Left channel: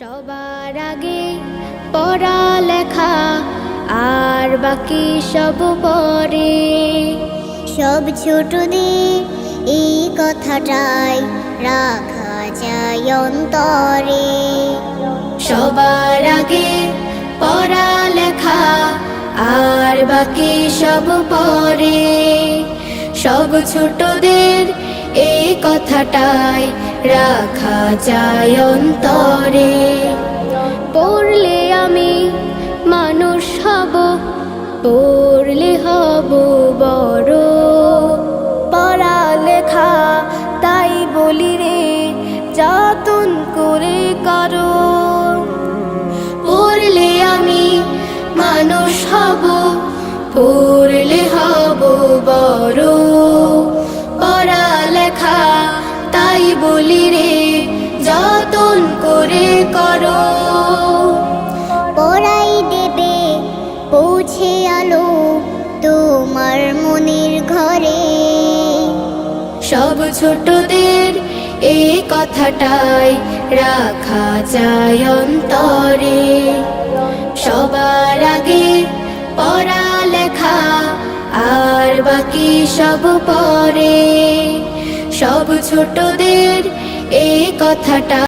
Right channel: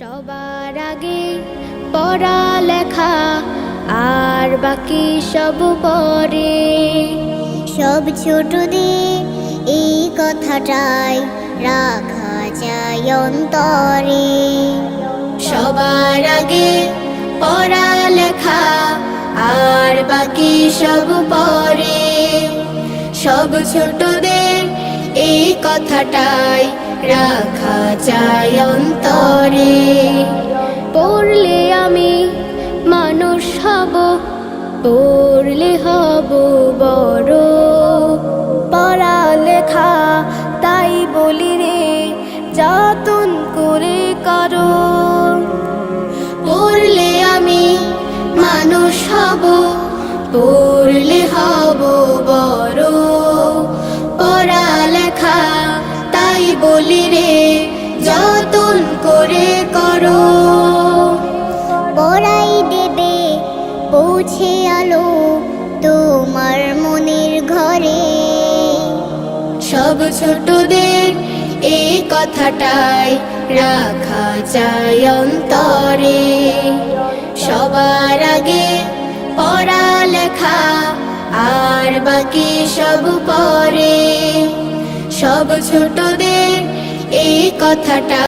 সবার আগে পড়ালেখা আর বাকি সব পরে। সব ছোটদের এই কথাটাই রাখা যায় অন্তরে। সবার আগে পড়ালেখা আর বাকি সব পরে। সব ছোটদের এই কথাটাই রাখা যায় অন্তরে। পড়লে আমি মানুষ হব, পড়লে হব বড়। পড়ালেখা তাই বলি রে, যতন করে করো। পড়লে আমি মানুষ হব, পড়লে হব বড়। পড়ালেখা তাই বলি রে, যতন করে করো। পড়াই দেবে পৌঁছে আলো তোমার মনের ঘরে। সব ছোটদের এই কথাটাই রাখা যায় অন্তরে। সবার আগে পড়ালেখা আর বাকি সব পরে। সব ছোটদের এই কথাটা